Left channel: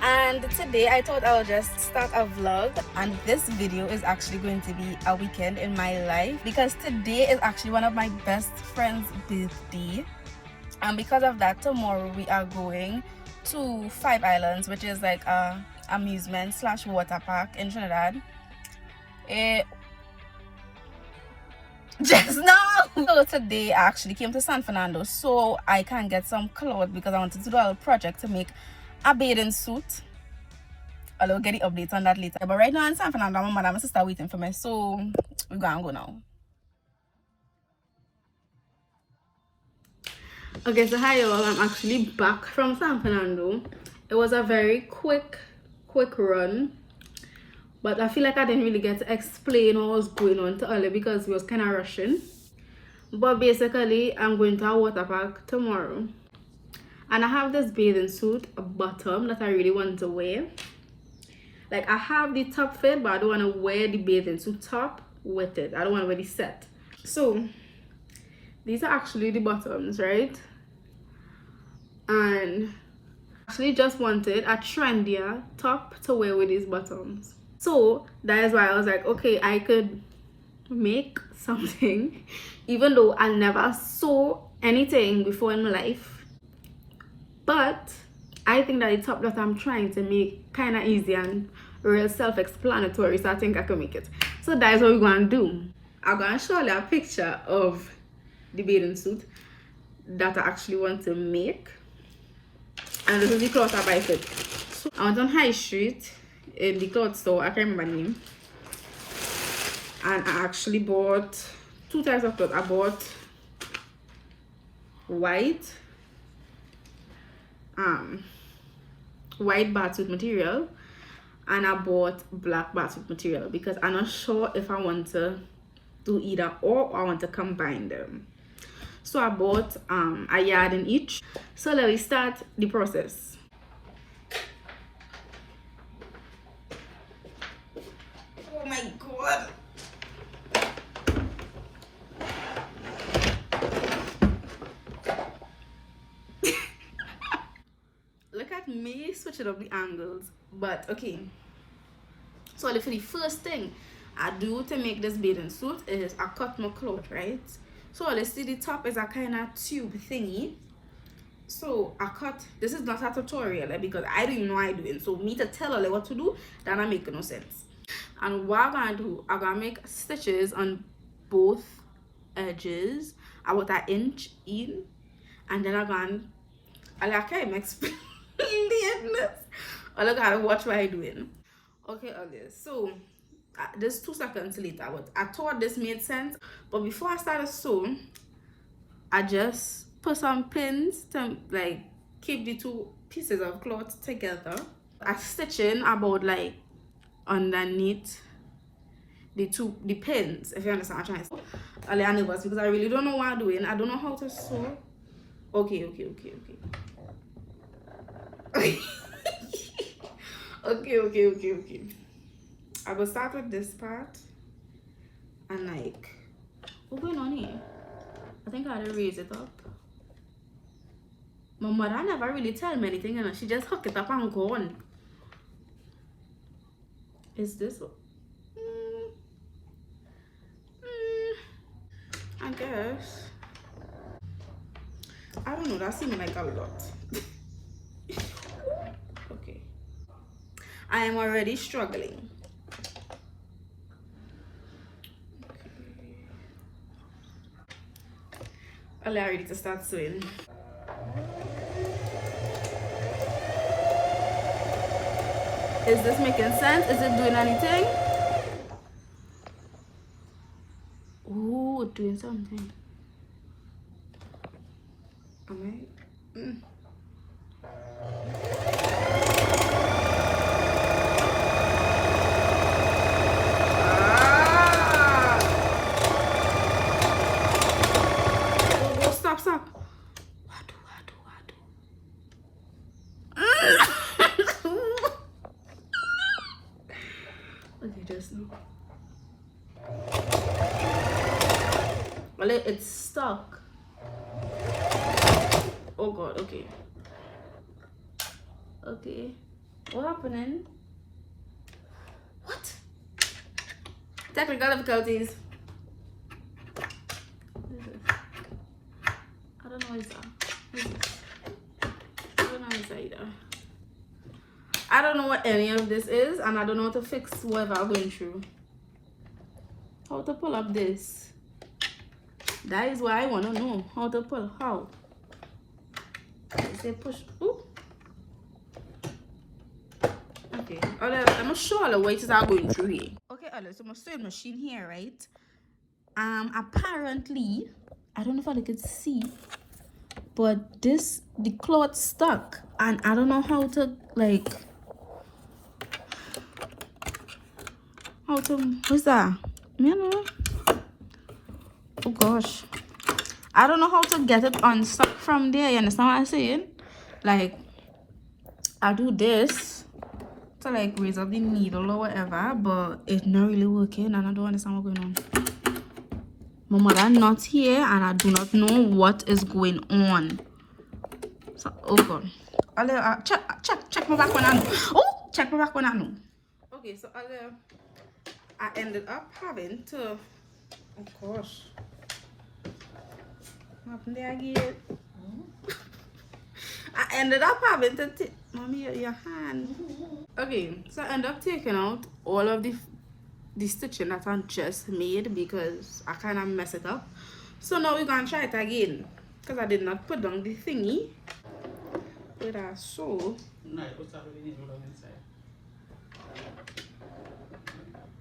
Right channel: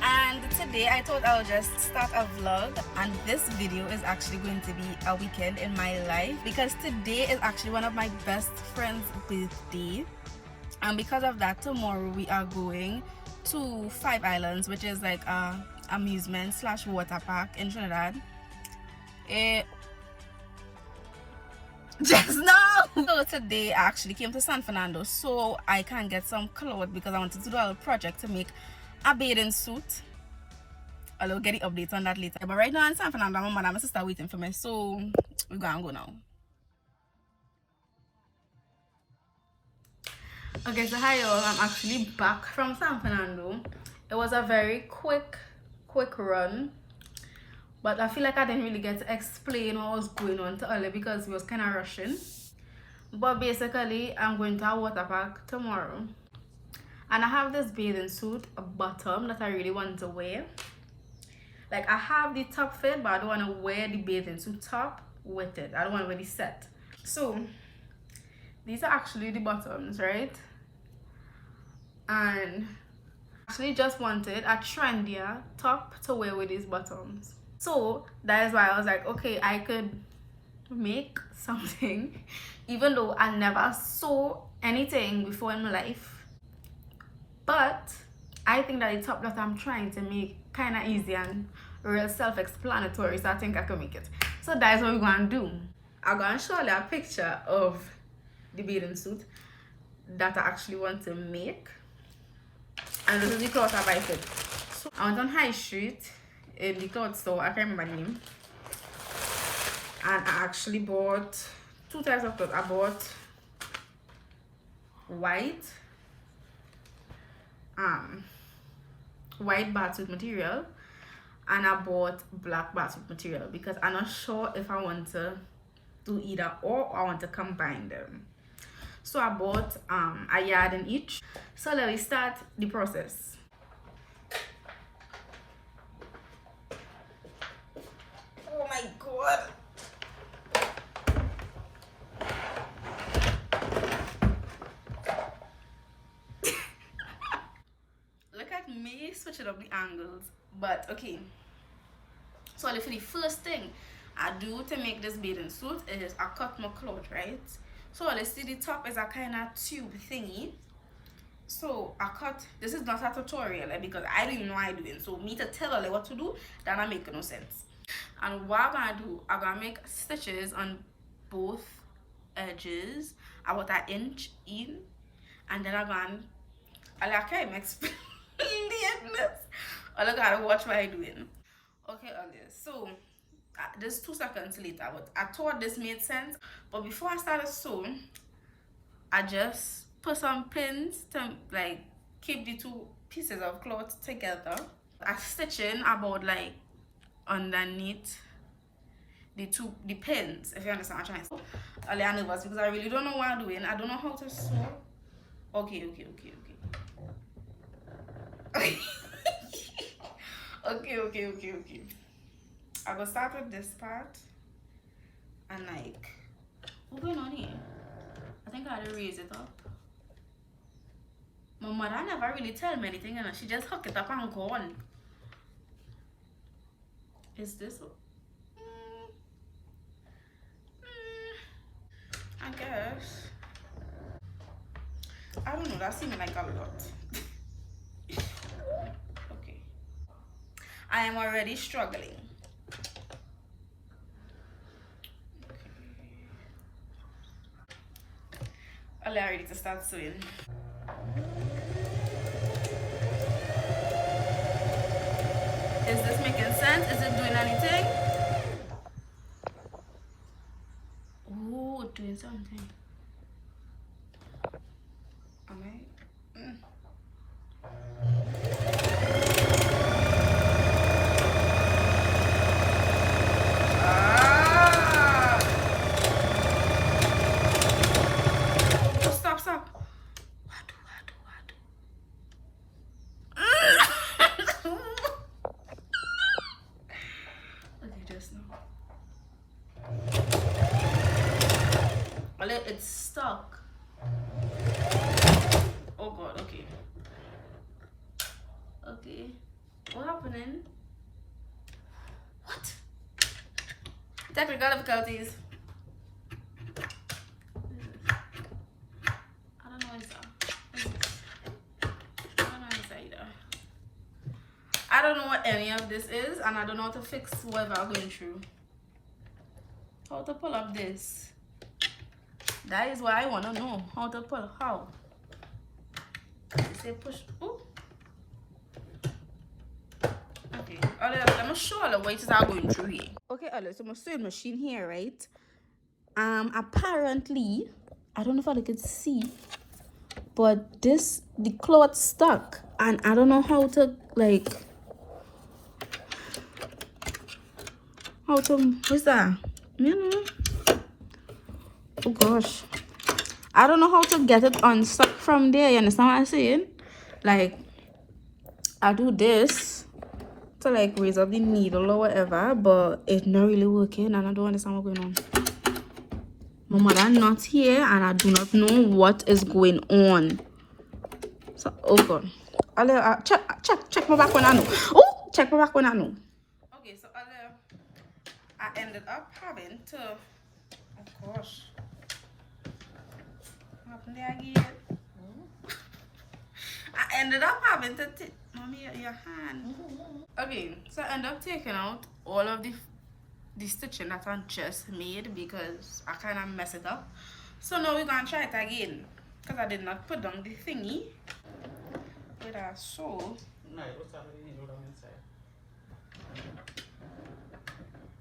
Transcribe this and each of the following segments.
And today I thought I'll just start a vlog, and this video is actually going to be a weekend in my life because today is actually one of my best friend's birthday, and because of that tomorrow we are going to Five Islands, which is like a amusement slash water park in Trinidad. Just now. So today I actually came to San Fernando so I can get some clothes because I wanted to do a little project to make a bathing suit. I'll get the updates on that later. But right now in San Fernando, my mother and my sister are waiting for me, so we're gonna go now. Okay, so hi y'all, I'm actually back from San Fernando. It was a very quick run, but I feel like I didn't really get to explain what was going on to Ollie because we was kind of rushing. But basically, I'm going to a water park tomorrow, and I have this bathing suit, a bottom that I really want to wear. Like, I have the top fit, but I don't want to wear the bathing suit top with it. I don't want to wear the set. So these are actually the bottoms, right? And actually just wanted a trendier top to wear with these bottoms. So that is why I was like, okay, I could make something even though I never saw anything before in my life, but I think that the top that I'm trying to make kind of easy and real self-explanatory, so I think I can make it. So that is what we're going to do. I'm going to show you a picture of the bathing suit that I actually want to make, and this is the cloth I buy it. So I went on High Street in the cloth store, I can't remember the name, and I actually bought two types of clothes. I bought white bathsuit material, and I bought black bathsuit material because I'm not sure if I want to do either or I want to combine them. So I bought a yard in each. So let me start the process. Oh my god. Look at me switching up the angles. But okay. So for the first thing I do to make this bathing suit is I cut my cloth, right? So let's see, the top is a kind of tube thingy. So I cut, this is not a tutorial because I don't even know what I'm doing. So me to tell her what to do, that not make no sense. And what I'm gonna do, I'm gonna make stitches on both edges about an inch in, and then I can't explain this. I gotta watch what I'm doing. Okay, Alice. So this 2 seconds later, but I thought this made sense. But before I started sewing, I just put some pins to like keep the two pieces of cloth together. I stitching about like underneath the pins, if you understand what I'm trying to say. I'm nervous because I really don't know what I'm doing. I don't know how to sew. Okay. Okay. I will start with this part and like, what's going on here? I think I had to raise it up. My mother never really tell me anything, and she just hook it up and go on. Is this? I guess. I don't know. That seems like a lot. Okay. I am already struggling. I'm ready to start sewing. Is this making sense? Is it doing anything? Ooh, doing something. Am I? Stop. What do? Okay, just now. Well, it's stuck. Oh god, okay. What happening? What? Technical difficulties. What is this? I don't know what is that. What is this? I don't know what is that either. I don't know what any of this is, and I don't know how to fix whatever I'm going through. How to pull up this? That is what I want to know. How to pull? How? Say push. Ooh. Okay. Let me show you what is I'm going through here. Okay, so my sewing machine here, right? Apparently, I don't know if I can see, but the cloth stuck, and I don't know how to what's that? You know? Oh gosh, I don't know how to get it unstuck from there. You understand what I'm saying? Like, I do this to raise up the needle or whatever, but it's not really working, and I don't understand what's going on. My mother not here, and I do not know what is going on. So, oh god. Check my back when I know. Oh, check my back when I know. Okay, so I ended up having to. Oh gosh. What happened there again? I ended up having to take. Mommy, your hand. Okay, so I ended up taking out all of the stitching that I just made because I kind of messed it up. So now we're gonna try it again because I did not put down the thingy. Wait, I sew.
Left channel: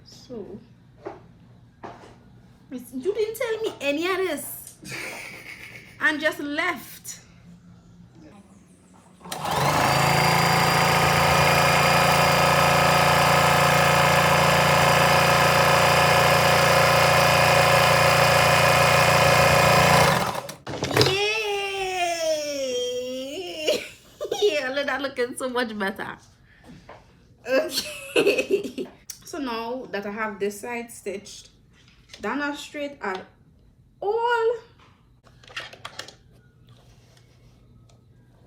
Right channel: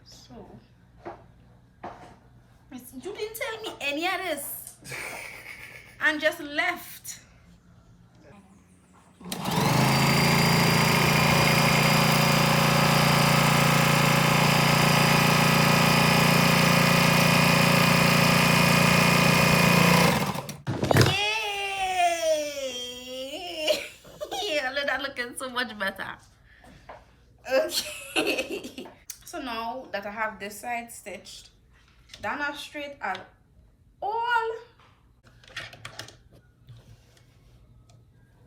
So you didn't tell me any of this and just left. Yay! Yeah, look, that looking so much better. Okay. So now that I have this side stitched, they're not straight at all.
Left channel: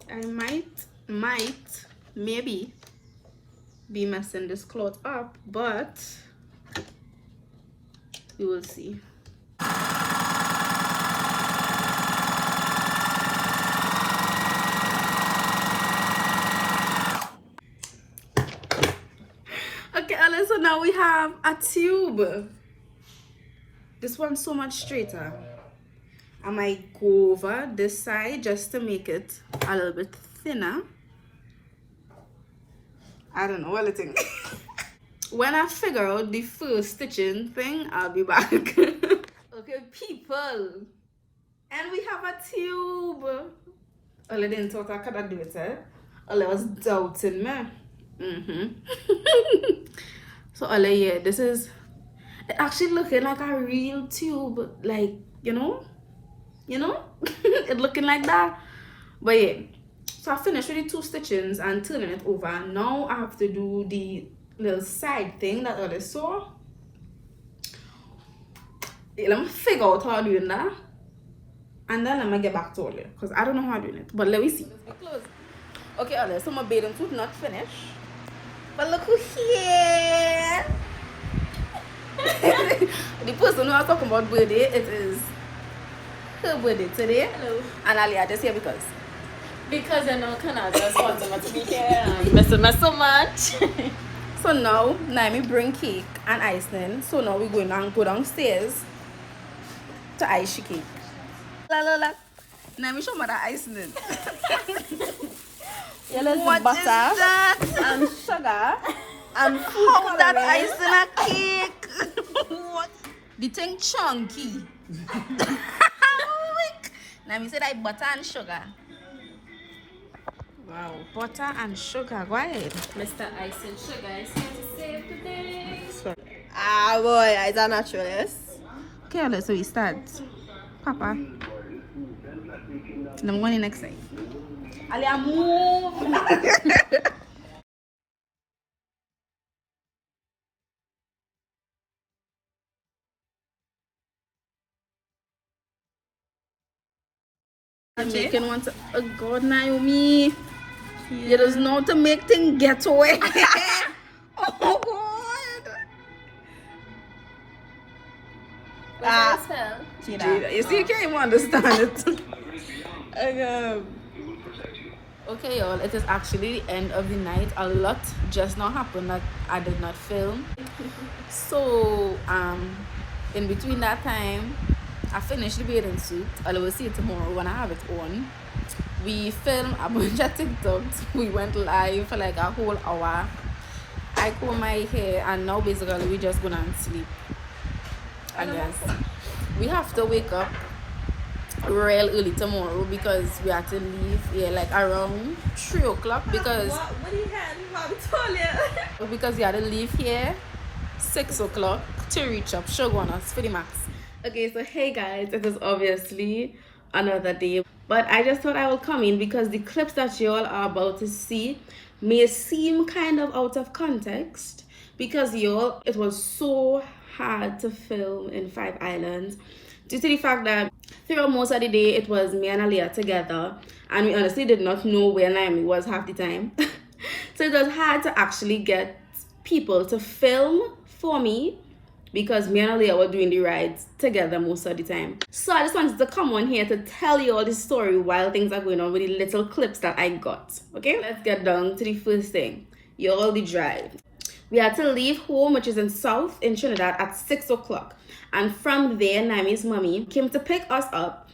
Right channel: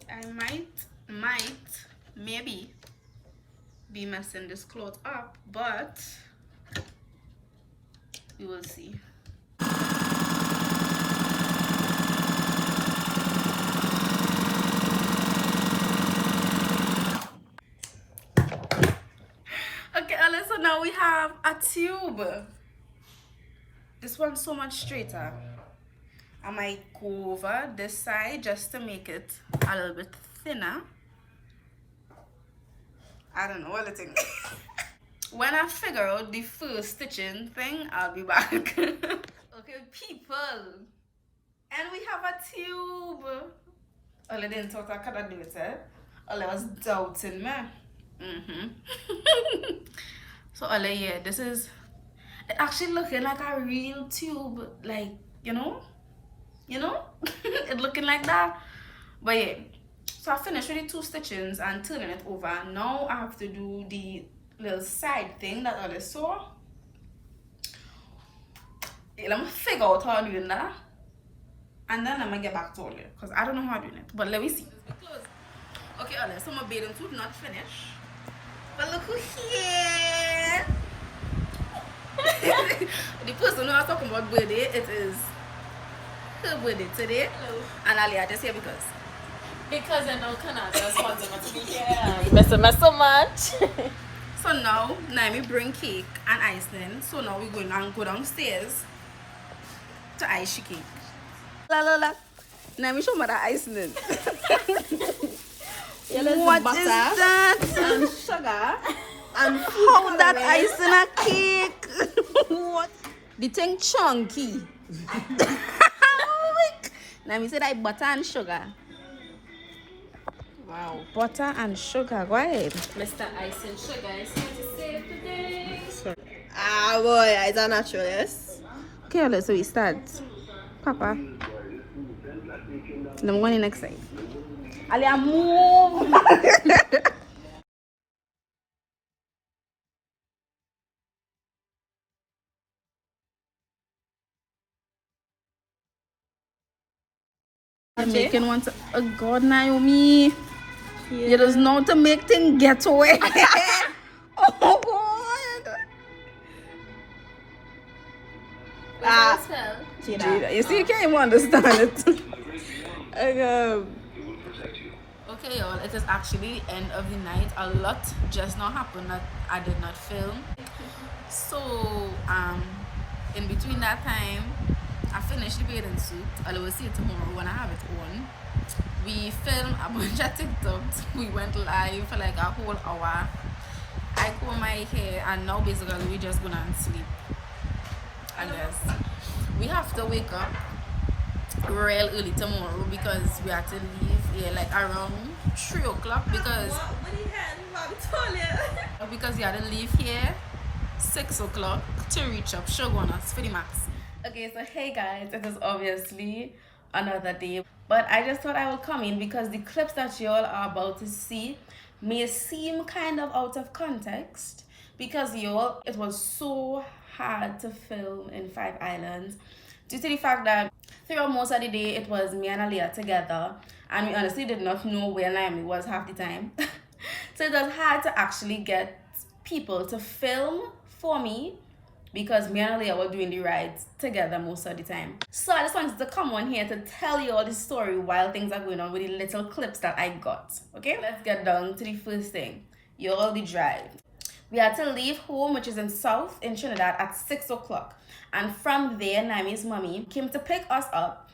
I maybe be messing this cloth up, but we will see. Okay, Alice, so now we have a tube. This one's so much straighter. I might go over this side just to make it a little bit thinner. I don't know what I think. When I figure out the first stitching thing, I'll be back. Okay, people. And we have a tube. Oli didn't thought I could do it, eh? Oli was doubting me. So Oli, yeah, this is it actually looking like a real tube, like, you know? It looking like that. But yeah, so I finished with the 2 stitchings and turning it over. Now I have to do the little side thing that I saw. Let me figure out how I'm doing that, and then let me get back to you because I don't know how I'm doing it. But let me see. Okay, Alice, so my bathing suit not finished, but look who here. The person who I was talking about birthday, it is her birthday today. Hello. And I just here because I know Canada wants not to be here and messing so much. So now Naomi bring cake and icing. So now we're going to go downstairs to ice the cake. Lola. Naomi show me the icing. What is that? And sugar. And how that ice in a cake? What? The thing chunky. Naomi said I butter and sugar. Wow, butter and sugar. Go ahead. Mr. Ice and Sugar is here to save the day. Ah boy, I don't natural, yes. Okay, let's so we start. Papa. And I'm going next thing. Ali, move. Making one to, oh God, Naomi. You just know to make things get away. Oh God. You see, you can't even understand it. Okay, y'all, it is actually the end of the night. A lot just now happened that I did not film. So, in between that time, I finished the bathing suit. I will see it tomorrow when I have it on. We filmed a bunch of TikToks. We went live for like a whole hour. I comb my hair, and now basically we just gonna sleep, I guess. We have to wake up real early tomorrow because we have to leave here like around 3 o'clock because we had to leave here 6 o'clock to reach up Shogunas for the max. Okay, so hey guys, it is obviously another day, but I just thought I would come in because the clips that you all are about to see may seem kind of out of context because y'all, it was so hard to film in 5 Islands due to the fact that throughout most of the day it was me and Aliyah together, and we honestly did not know where Naomi was half the time. So it was hard to actually get people to film for me because me and Aliyah were doing the rides together most of the time. So I just wanted to come on here to tell you all the story while things are going on with the little clips that I got. Okay, let's get down to the first thing. Y'all, the drive. We had to leave home, which is in South in Trinidad, at 6 o'clock. And from there, Naomi's mommy came to pick us up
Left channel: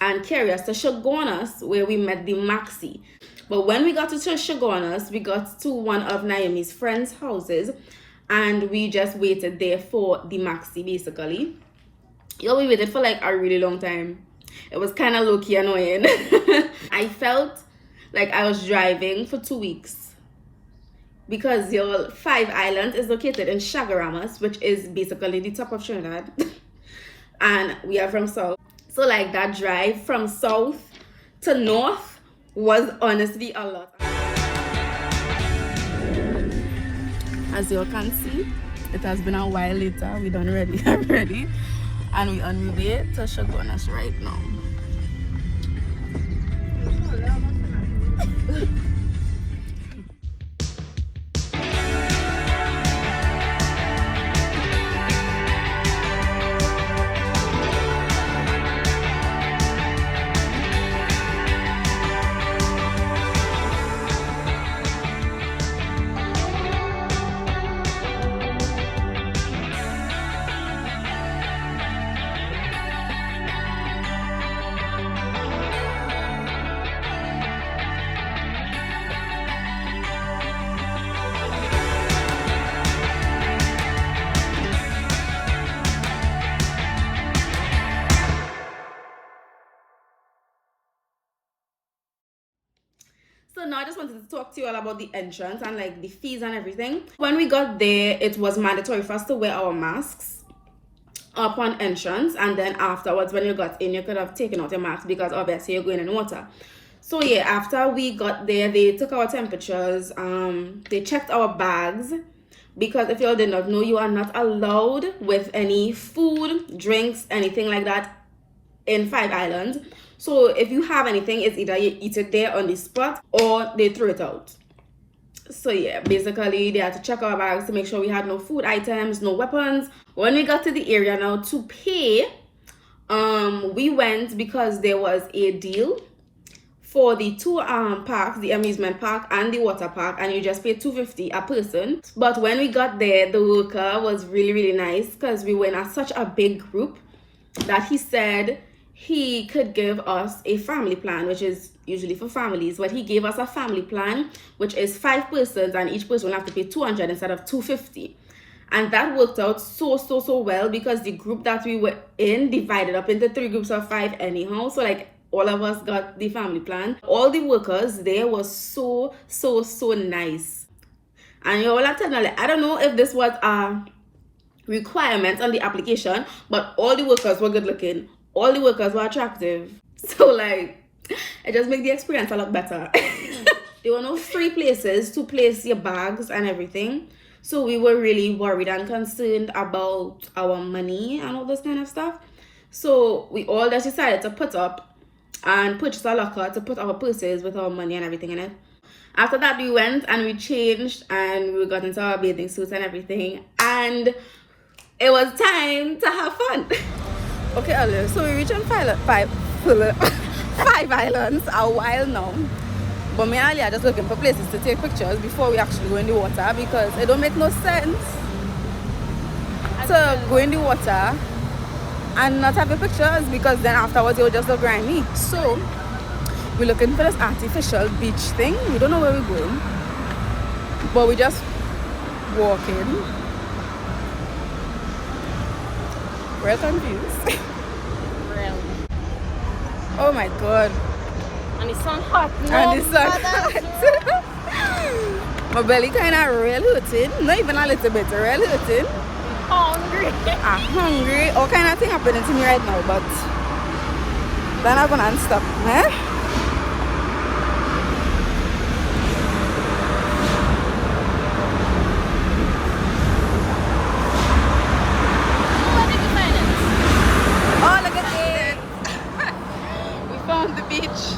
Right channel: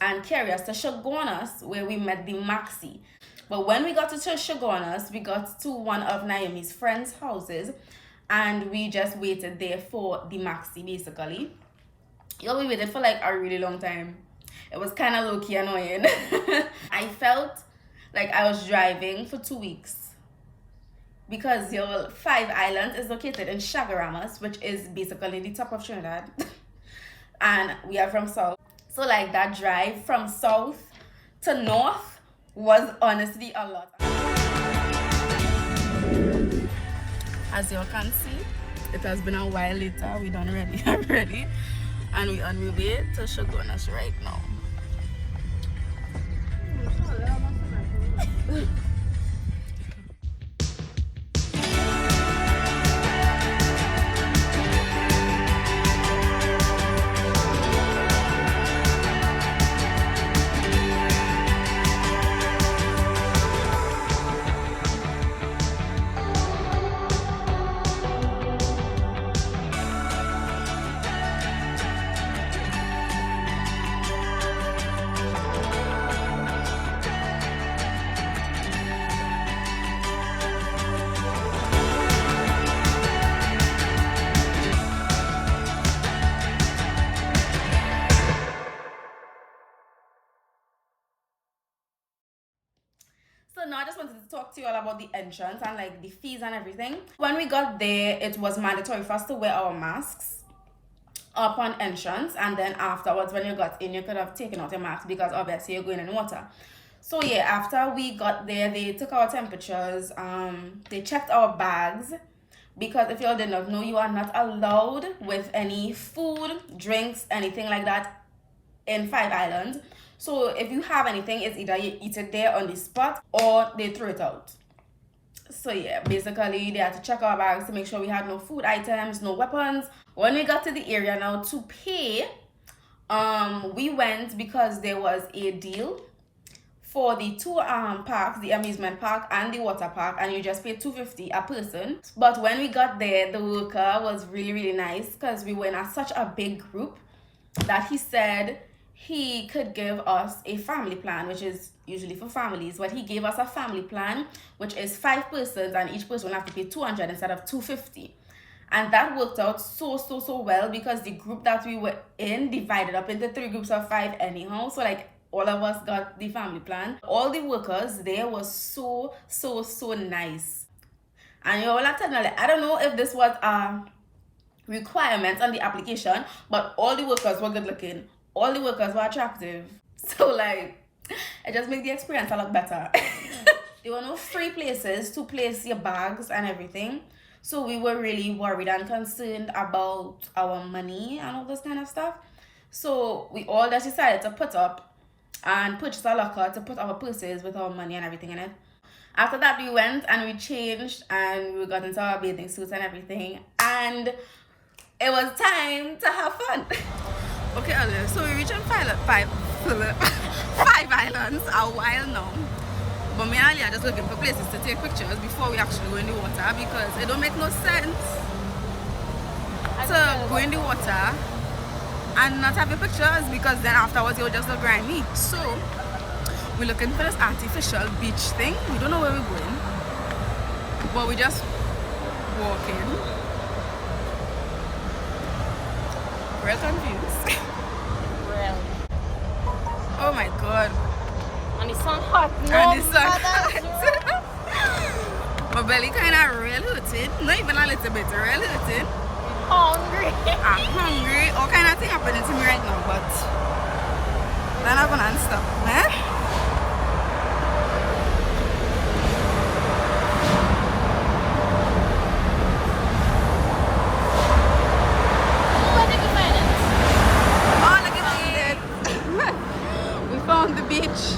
and carry us to Shogunas, where we met the Maxi. But when we got to Shogunas, we got to one of Naomi's friends' houses, and we just waited there for the Maxi, basically. Yo, we waited for like a really long time. It was kind of low-key annoying. I felt like I was driving for 2 weeks because your 5 Islands is located in Chaguaramas, which is basically the top of Trinidad. And we are from South. So like that drive from South to North was honestly a lot. As you can see, it has been a while later. We done ready already. And we on our way to Shogunas right now. So now I just wanted to talk to you all about the entrance and like the fees and everything. When we got there, it was mandatory for us to wear our masks upon entrance, and then afterwards when you got in, you could have taken out your mask because obviously you're going in water. So yeah, after we got there, they took our temperatures, they checked our bags, because if you all did not know, you are not allowed with any food, drinks, anything like that in 5 Islands. So if you have anything, it's either you eat it there on the spot or they throw it out. So yeah, basically they had to check our bags to make sure we had no food items, no weapons. When we got to the area now to pay, we went because there was a deal for the 2 parks, the amusement park and the water park, and you just pay $2.50 a person. But when we got there, the worker was really nice because we went as such a big group that he said he could give us a family plan, which is usually for families, but he gave us a family plan which is 5 persons, and each person will have to pay 200 instead of 250. And that worked out so well because the group that we were in divided up into 3 groups of 5 anyhow. So like all of us got the family plan. All the workers there was so nice. And you all have to know, like, I don't know if this was a requirement on the application, but all the workers were good looking. All the workers were attractive. So like, it just made the experience a lot better. There were no free places to place your bags and everything. So we were really worried and concerned about our money and all this kind of stuff. So we all just decided to put up and purchase a locker to put our purses with our money and everything in it. After that, we went and we changed and we got into our bathing suits and everything, and it was time to have fun. Okay, Olive, so we reached on five islands a while now. But me and Ali are just looking for places to take pictures before we actually go in the water, because it don't make no sense to go in the water and not have your pictures, because then afterwards you'll just look grimy. So we're looking for this artificial beach thing. We don't know where we're going, but we just walking. We're confused. Real. Oh my god. And the sun hot. No, And the sun hot. My belly kind of real hurting. Not even a little bit, real hurting. hungry. I'm hungry. All kind of thing happening to me right now, but then I'm gonna stop, man. Oh, look at it. We found the beach.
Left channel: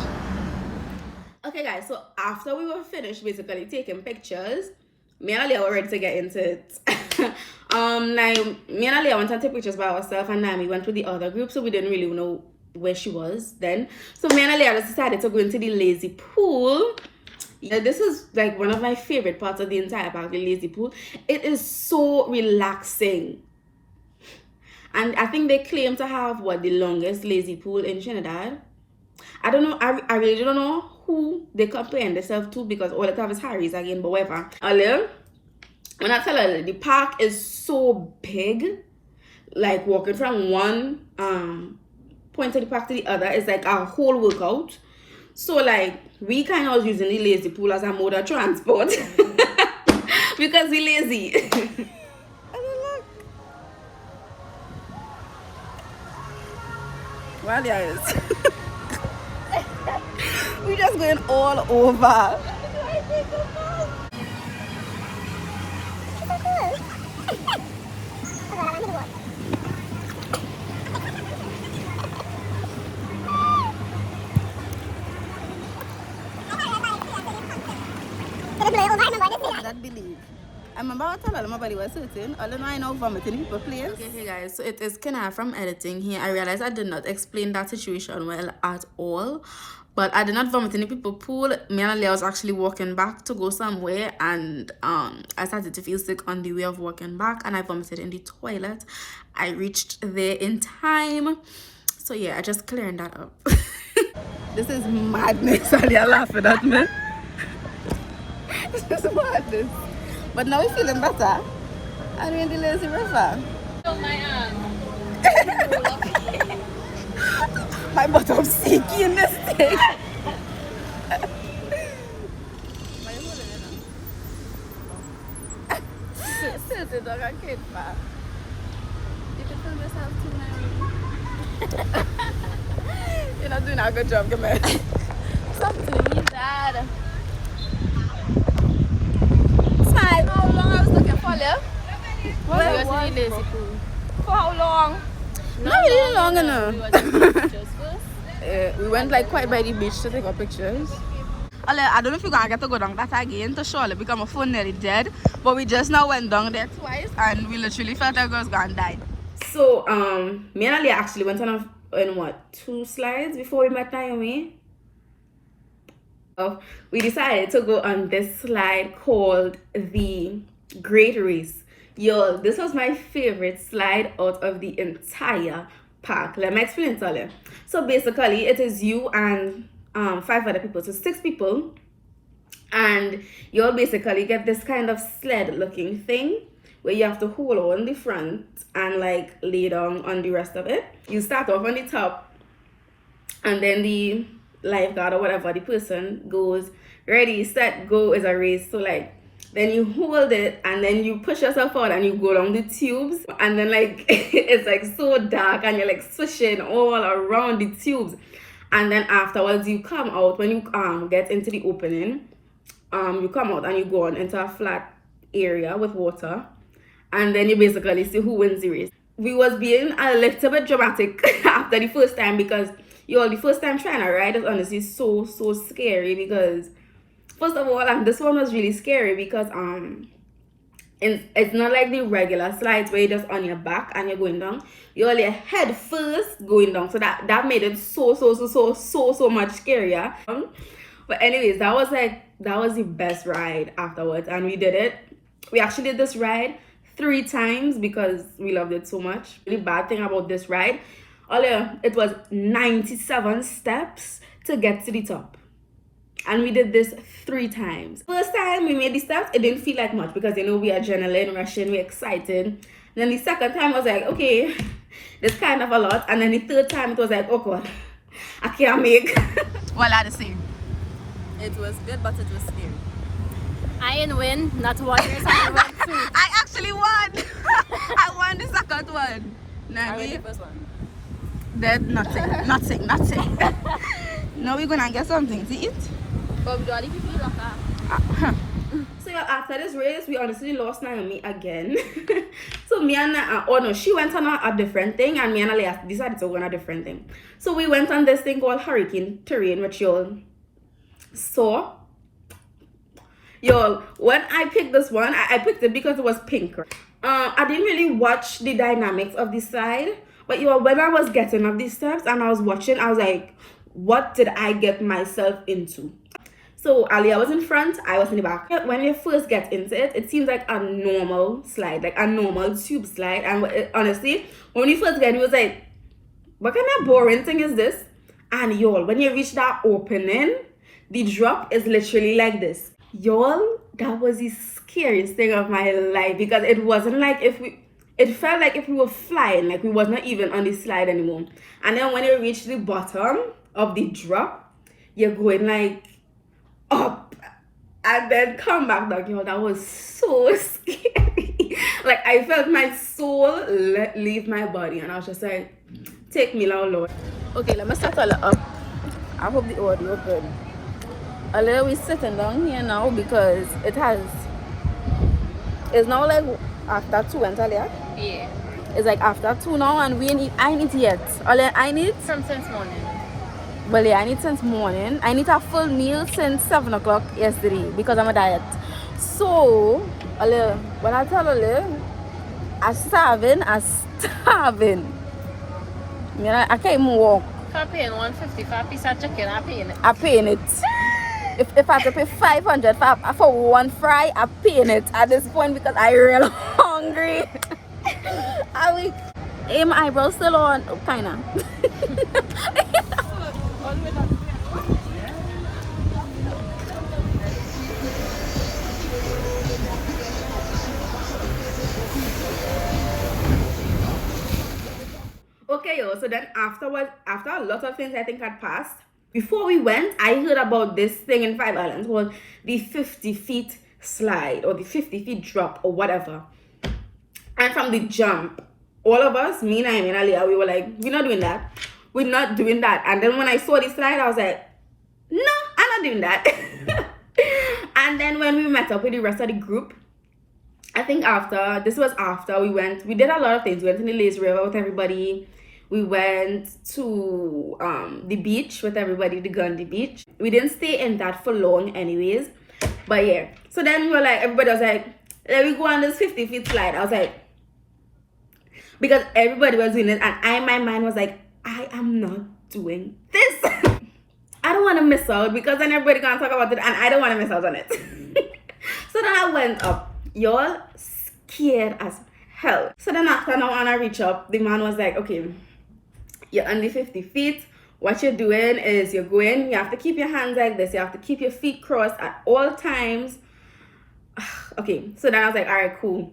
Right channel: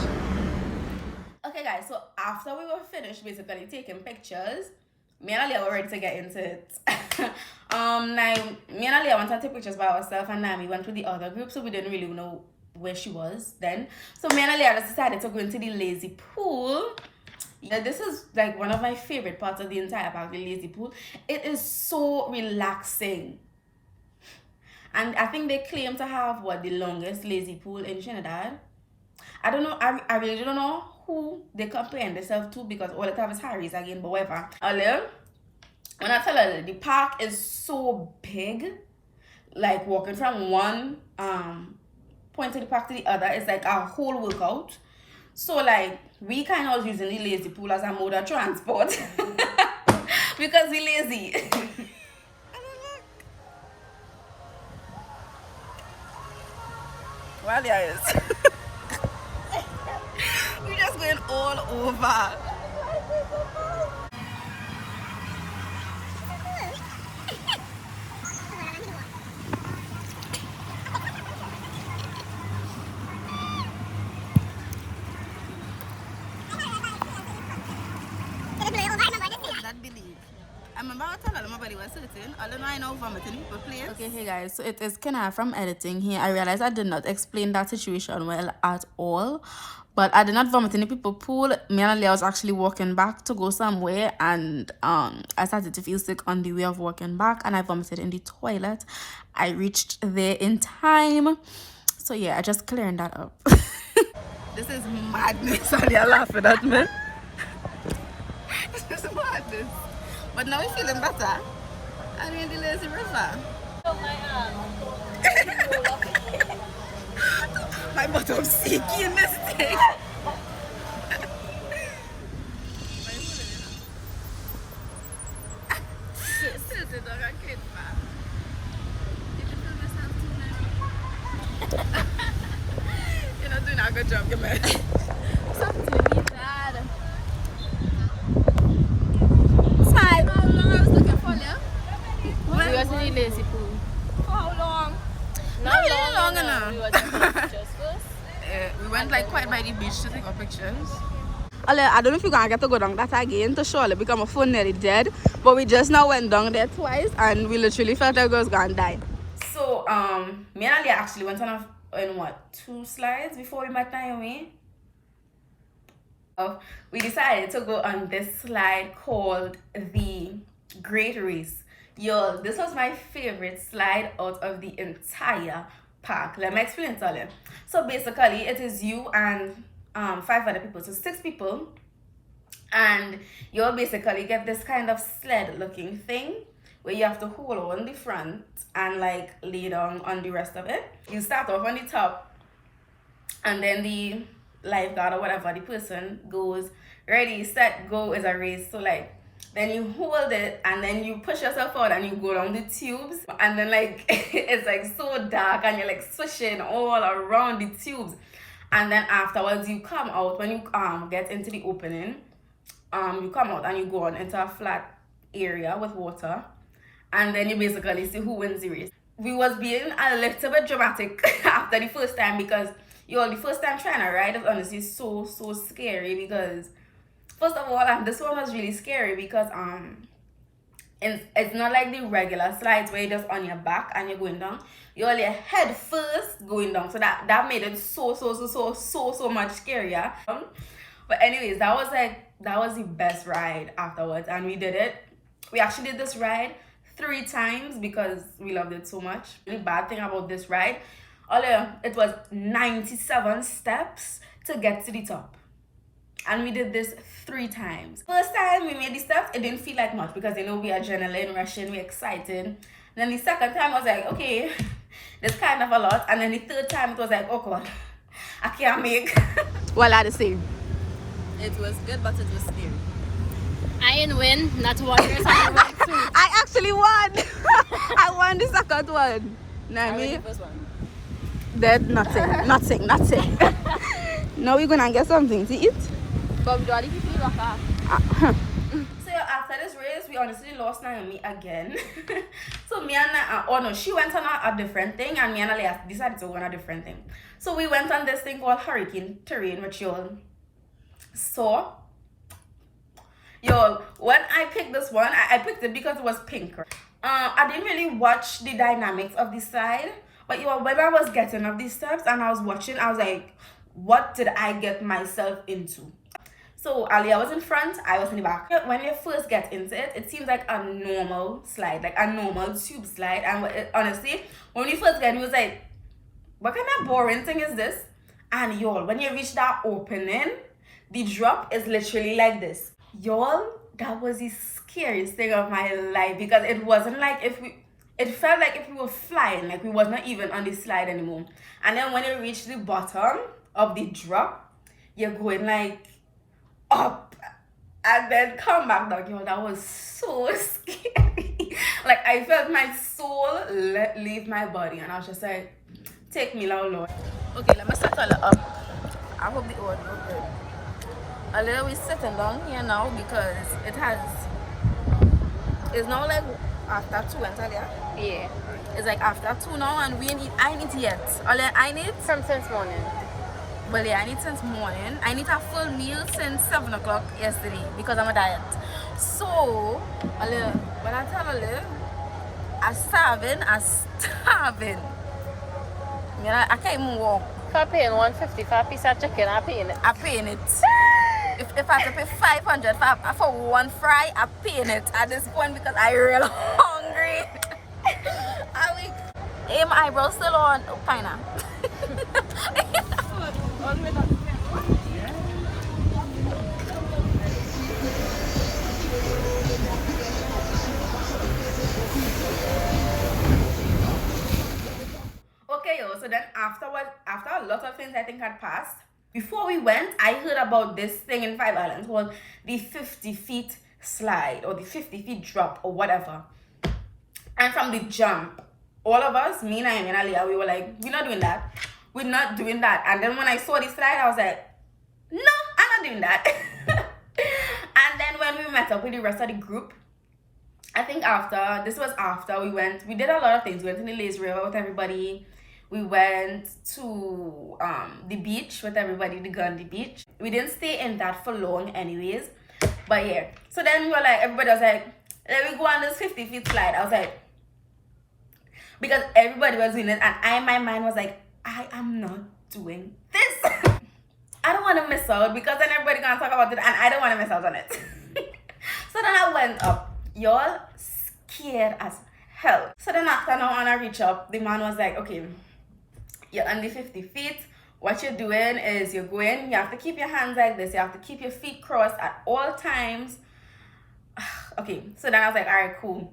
Okay, guys, so after we were finished basically taking pictures, me and Alia were ready to get into it. Now, me and Alia went to take pictures by ourselves, and Nami went with the other group, so we didn't really know where she was then. So me and Alia just decided to go into the lazy pool. Yeah, this is like one of my favorite parts of the entire park, the lazy pool. It is so relaxing. And I think they claim to have the longest lazy pool in Trinidad. I don't know, I really don't know who they comparing themselves to, because all I have is Harry's again, but whatever. Earlier, when I tell her, the park is so big, like walking from one point of the park to the other is like a whole workout. So like we kind of was using the lazy pool as a mode of transport because we lazy. Well, yes. We just going all over. That believe. I remember I told her my body was hurting. All I know vomiting people place. Okay, hey guys, so it is Knia from editing here. I realized I did not explain that situation well at all. But I did not vomit in the people pool. Me and Leah was actually walking back to go somewhere, and I started to feel sick on the way of walking back, and I vomited in the toilet. I reached there in time. So yeah, I just clearing that up. This is madness. Leah laughing at me. This is madness. But now we're feeling better. I'm in the lazy river. Oh, my arm. My bottom's sticky in this thing. This is dog and kid back. You can film yourself too, Naomi. You're not doing a good job, come on. Stop doing me, Dad. Time. How long I was looking for, Leah? Well, We was in the lazy pool. For how long? Not really long enough. We was taking pictures first. We went like quite by the beach to take our pictures. I don't know if you're gonna get to go down that again to surely become a phone nearly dead, but we just now went down there twice and we literally felt like we was gonna die. So me and Ali actually went on what, 2 slides before we met Naomi. We decided to go on this slide called the Great Race. Yo, this was my favorite slide out of the entire park. Let me explain to you. So basically it is you and 5 other people, so 6 people, and you'll basically get this kind of sled looking thing where you have to hold on the front and like lay down on the rest of it. You start off on the top, and then the lifeguard or whatever, the person goes, ready, set, go, is a race. So like then you hold it and then you push yourself out and you go down the tubes, and then like it's like so dark and you're like swishing all around the tubes. And then afterwards you come out. When you get into the opening, you come out and you go on into a flat area with water, and then you basically see who wins the race. We was being a little bit dramatic after the first time, because the first time trying to ride is honestly so scary, because First of all, and this one was really scary because it's not like the regular slides where you're just on your back and you're going down. You're on your head first going down. So that made it so much scarier. But anyways, that was the best ride afterwards, and we did it. We actually did this ride 3 times because we loved it so much. The bad thing about this ride, although it was 97 steps to get to the top. And we did this 3 times. First time we made the steps, it didn't feel like much because, you know, we adrenaline rushing, we're excited. Then the second time I was like, okay, this kind of a lot. And then the third time it was like, oh God, I can't make. Well, I the same. It was good, but it was scary. I didn't win, not 1 year, I won 2. I actually won. I won the second one. Nah, me. The first one. Then nothing. Now we're gonna get something to eat. But we got it. So yeah, after this race, we honestly lost Naomi again. So me and she went on a different thing, and me and Ali decided to go on a different thing. So we went on this thing called hurricane terrain, which y'all saw. Y'all, when I picked this one, I picked it because it was pink. I didn't really watch the dynamics of this slide, but y'all, when I was getting up these steps and I was watching, I was like, what did I get myself into? So Alia was in front, I was in the back. When you first get into it, it seems like a normal slide, like a normal tube slide. And honestly, when we first got it, was like, what kind of boring thing is this? And y'all, when you reach that opening, the drop is literally like this. Y'all, that was the scariest thing of my life because it wasn't like it felt like if we were flying, like we was not even on the slide anymore. And then when you reach the bottom of the drop, you're going like up and then come back down. Yo, that was so scary. Like I felt my soul leave my body, and I was just like, take me now, Lord. Okay, let me settle up. I hope the audio good. A little we sitting down here now because it's now like after 2 and Talia. Yeah. It's like after 2 now, and I ain't eat yet. I need From since morning. well, yeah, I need since morning. I need a full meal since 7 o'clock yesterday because I'm a diet. So, when I tell I'm starving. I can't even walk. If I'm paying 150 for a piece of chicken, I'm paying it. I'm paying it. If I have to pay 500 for one fry, I'm paying it at this point because I'm real hungry. Hey, my eyebrows still on, kinda. Okay, yo, so then afterwards, after a lot of things I think had passed, before we went, I heard about this thing in 5 Islands called the 50 feet slide or the 50 feet drop or whatever. And from the jump, all of us, me, Naomi, and Aliyah, we were like, we're not doing that. We're not doing that. And then when I saw this slide, I was like, no, I'm not doing that. And then when we met up with the rest of the group, I think this was after we did a lot of things. We went to the Lazy River with everybody. We went to the beach with everybody, the Gandhi beach. We didn't stay in that for long anyways. But yeah. So then we were like, everybody was like, let me go on this 50 feet slide. I was like, because everybody was doing it, and my mind was like, I am not doing this. I don't want to miss out because then everybody gonna talk about it, and I don't want to miss out on it. So then I went up, y'all, scared as hell. So then after now, when I reach up, the man was like, okay, you're on the 50 feet. What you're doing is you're going, you have to keep your hands like this. You have to keep your feet crossed at all times. Okay, so then I was like, all right, cool.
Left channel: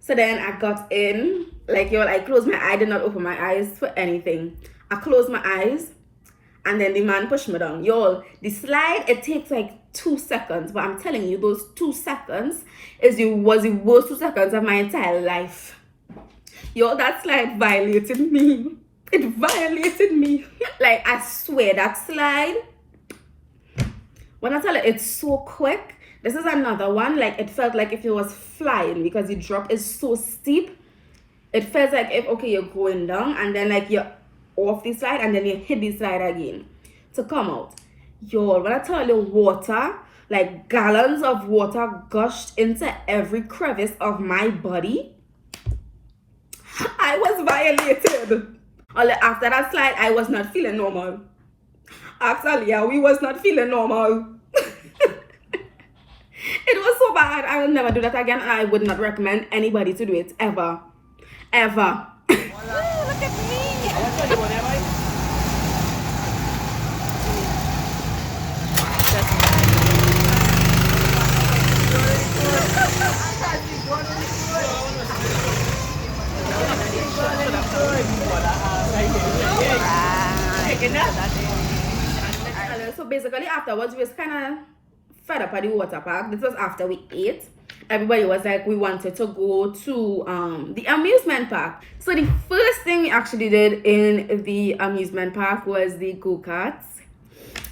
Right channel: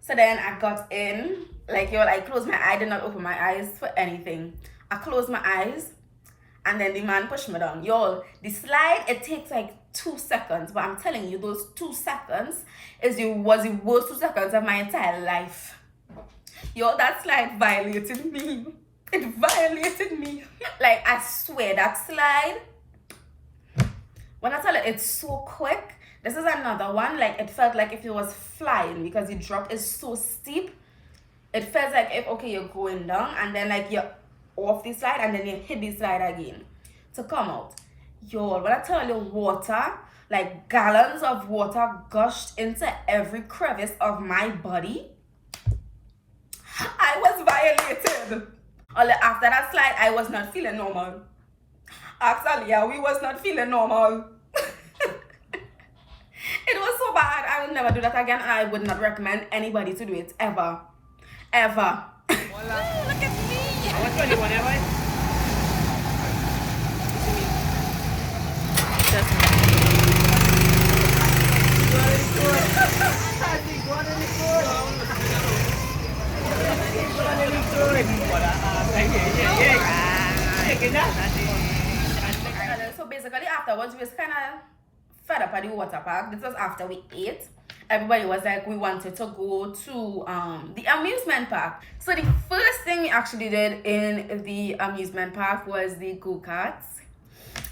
So then I got in, like, y'all, I closed my eye. I did not open my eyes for anything. I closed my eyes, and then the man pushed me down. Y'all, the slide, it takes like 2 seconds, but I'm telling you, those 2 seconds was the worst 2 seconds of my entire life. Y'all, that slide violated me. It violated me. Like, I swear, that slide, when I tell you, it's so quick. This is another one, like, it felt like if it was flying because the drop is so steep. It feels like if, okay, you're going down, and then, like, you're off the slide, and then you hit the slide again to come out. Y'all, when I tell you water, like gallons of water gushed into every crevice of my body. I was violated. After that slide, I was not feeling normal. Actually, yeah, we was not feeling normal. It was so bad. I will never do that again, and I would not recommend anybody to do it ever. Ever. Ooh, look at me. I want 21 ever. So basically afterwards we was kind of fed up at the water park. This was after we ate. Everybody was like, we wanted to go to the amusement park. So the first thing we actually did in the amusement park was the go-karts.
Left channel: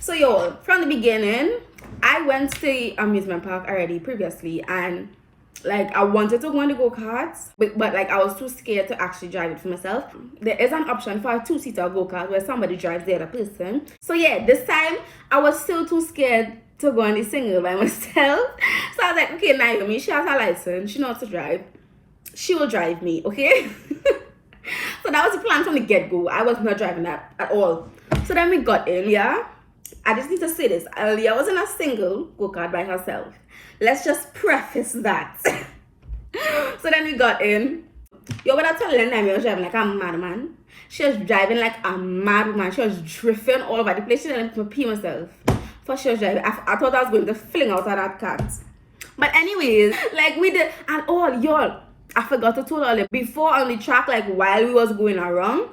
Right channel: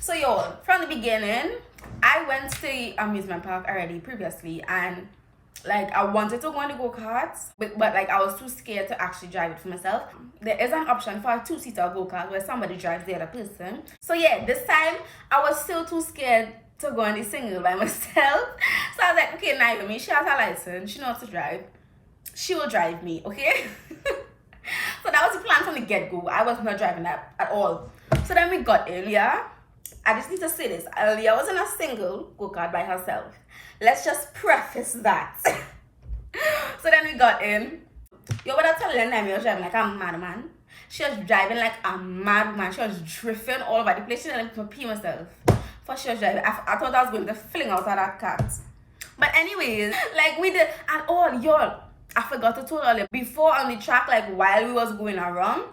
So y'all, from the beginning, I went to the amusement park already previously, and like I wanted to go on the go-karts, but like I was too scared to actually drive it for myself. There is an option for a 2-seater go-kart where somebody drives the other person. So yeah, this time I was still too scared to go on the single by myself. So I was like, okay, Naomi, she has her license, she knows to drive, she will drive me, okay? So that was the plan from the get-go. I was not driving that at all. So then we got in, yeah. I just need to say this, Aliyah was in a single go-kart by herself. Let's just preface that. So then we got in. Yo, without telling them, I was driving like a madman. She was driving like a madman. She was drifting all over the place. She didn't let me pee myself. For she was driving. I thought I was going to fling out of that cat. But anyways, like we did, and all y'all, I forgot to tell all before on the track, like while we was going around,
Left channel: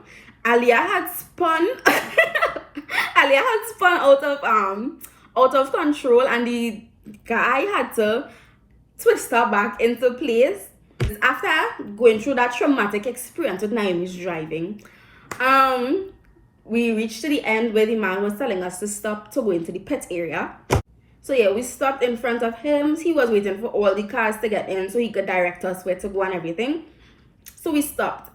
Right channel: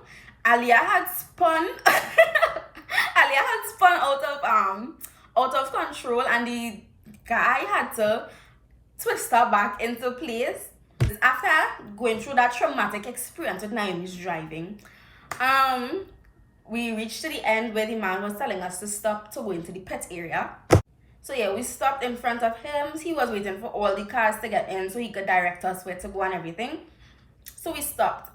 Aliyah had spun. Aliyah had spun out of control, and the guy had to twist her back into place. After going through that traumatic experience with Naomi's driving, we reached to the end where the man was telling us to stop to go into the pet area. So yeah, we stopped in front of him. He was waiting for all the cars to get in so he could direct us where to go and everything. So we stopped.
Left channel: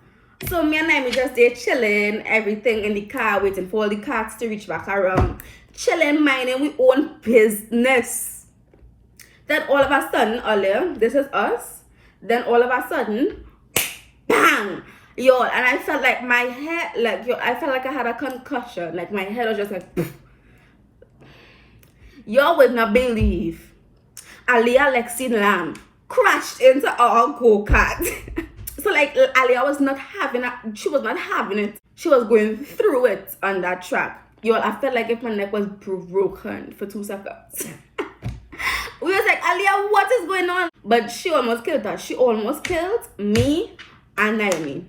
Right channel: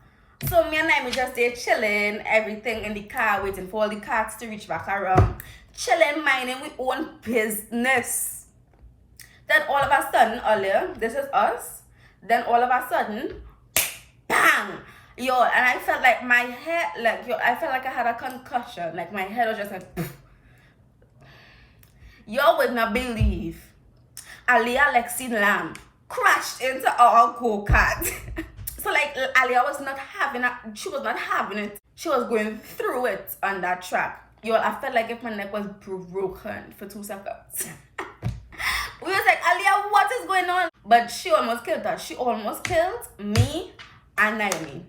So me and Naomi just there chilling, everything in the car, waiting for all the cars to reach back around. Chilling, minding we own business. Then all of a sudden, Ollie, this is us. Then all of a sudden, bang! Yo, and I felt like my head, like, yo, I felt like I had a concussion. Like my head was just like, poof. Y'all would not believe Aliyah Lexi Lamb crashed into our go-kart. So like Aliyah was not having it, she was not having it. She was going through it on that track. Y'all, I felt like if my neck was broken for 2 seconds. We was like, Aliyah, what is going on? But she almost killed us. She almost killed me and Naomi.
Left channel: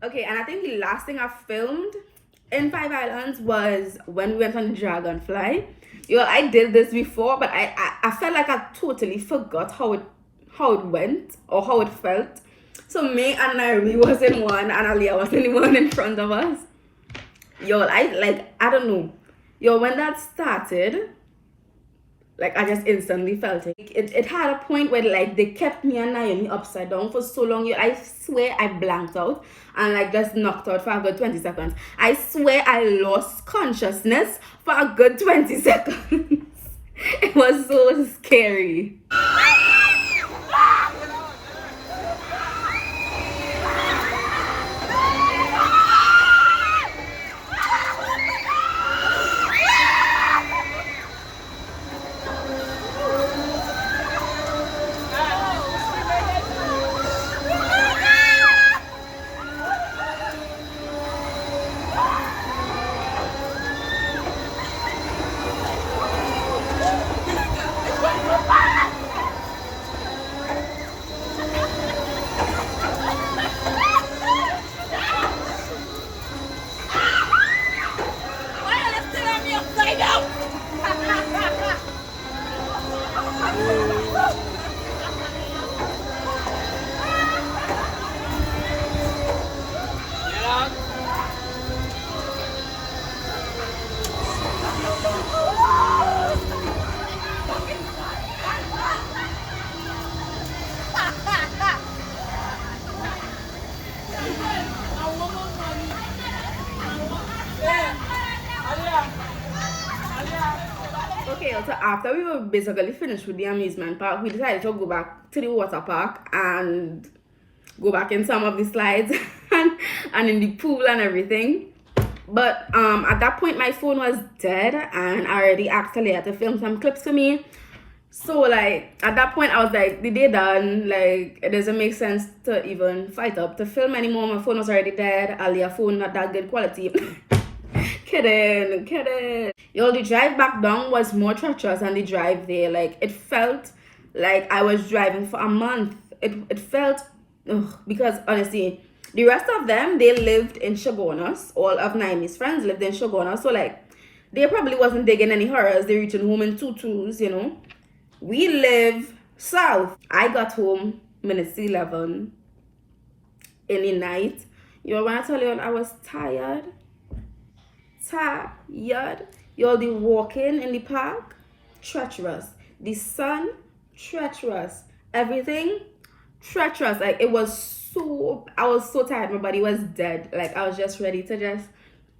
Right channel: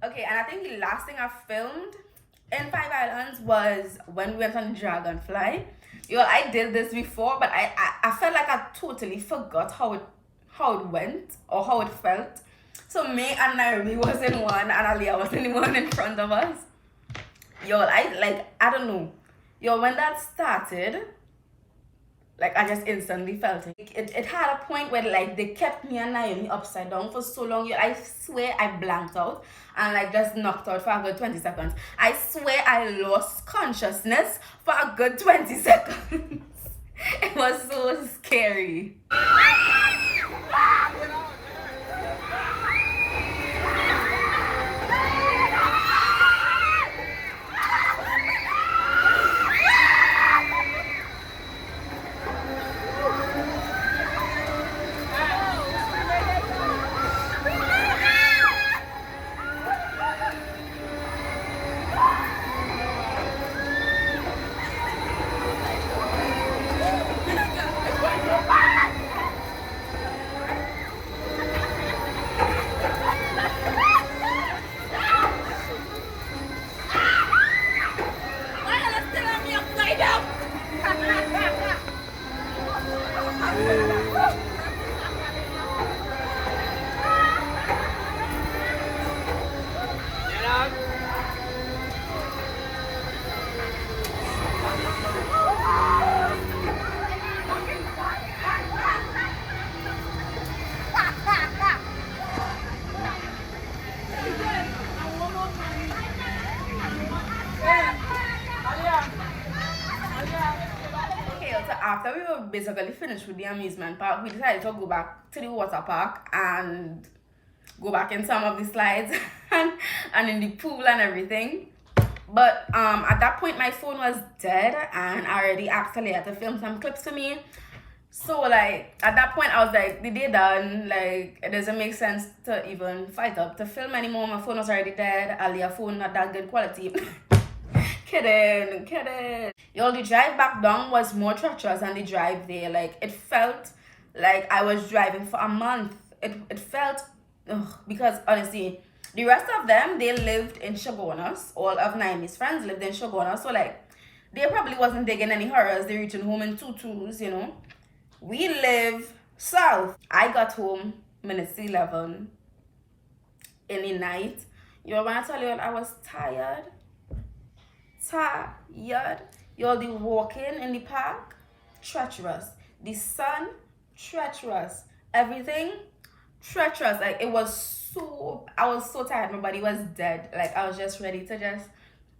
Okay, and I think the last thing I filmed in 5 Islands was when we went on the Dragonfly. Yo, I did this before, but I felt like I totally forgot how it went or how it felt. So me and Naomi was in one and Aliyah was in the one in front of us. Yo, I don't know. Yo, when that started, like I just instantly felt it. It had a point where like they kept me and Naomi upside down for so long. Yo, I swear I blanked out and like just knocked out for a good 20 seconds. I swear I lost consciousness for a good 20 seconds. It was so scary. so after we were basically finished with the amusement park, we decided to go back to the water park and go back in some of the slides and in the pool and everything. But at that point my phone was dead and I already actually had to film some clips for me. So like at that point I was like, the day done, like it doesn't make sense to even fight up to film anymore. My phone was already dead. Alia phone not that good quality. kidding. Yo, the drive back down was more treacherous than the drive there. Like it felt like I was driving for a month. It felt because honestly the rest of them, they lived in Shogunas. All of Naimi's friends lived in Shogunas, so like they probably wasn't digging any horrors. They reaching home in tutus, you know. We live south. I got home minutes 11 in the night. Yo, when I tell you I was tired. Y'all, the walking in the park, treacherous. The sun, treacherous. Everything, treacherous. Like it was I was so tired. My body was dead. Like I was just ready to just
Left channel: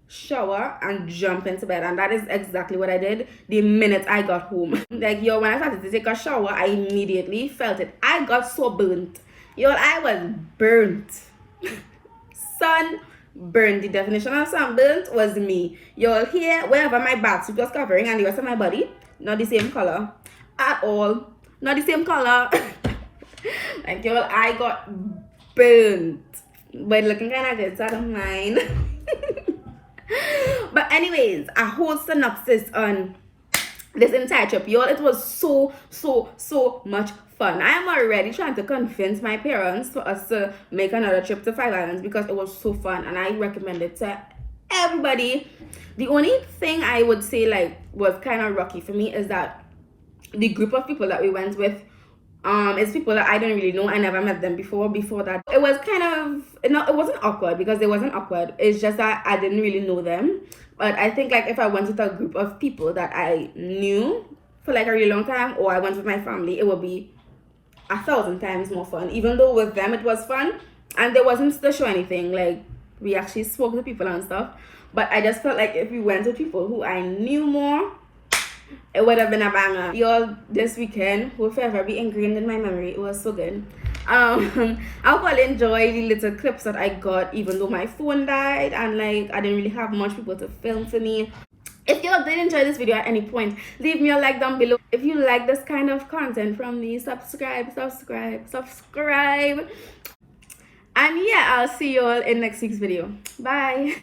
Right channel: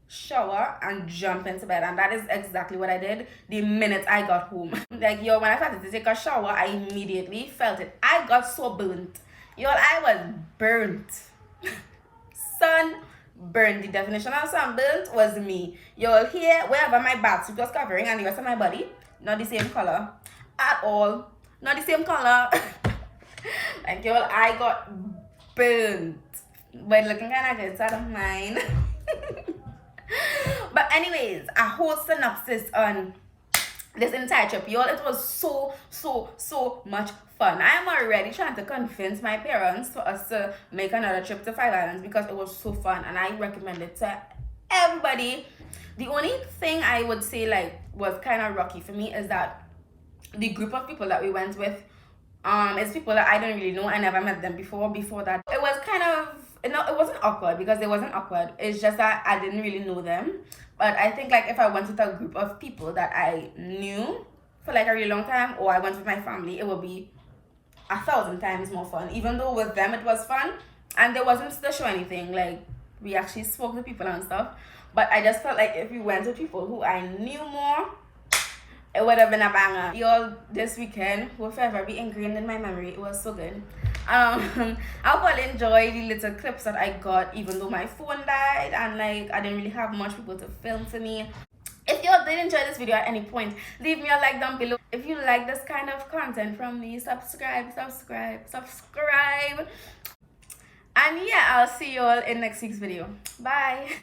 shower and jump into bed, and that is exactly what I did the minute I got home. Like yo, when I started to take a shower, I immediately felt it. I got so burnt. Yo, I was burnt. Sun burnt. The definition of sunburnt was me. Y'all here, wherever my bathsuit was covering and the rest of my body, not the same color at all. Not the same color. Like y'all, I got burnt. But looking kind of good, so I don't mind. But anyways, a whole synopsis on this entire trip, y'all. It was so much fun. I am already trying to convince my parents for us to make another trip to Five Islands because it was so fun and I recommend it to everybody. The only thing I would say like was kind of rocky for me is that the group of people that we went with it's people that I don't really know. I never met them before that. It was kind of, no, it wasn't awkward because it wasn't awkward. It's just that I didn't really know them. But I think like if I went with a group of people that I knew for like a really long time, or I went with my family, it would be 1,000 times more fun. Even though with them it was fun and there wasn't to show anything. Like we actually spoke to people and stuff. But I just felt like if we went with people who I knew more, it would have been a banger. Y'all, this weekend will forever be ingrained in my memory. It was so good. I hope you enjoy the little clips that I got, even though my phone died and like I didn't really have much people to film for me. If y'all did enjoy this video at any point, leave me a like down below. If you like this kind of content from me, subscribe. And yeah, I'll see you all in next week's video. Bye.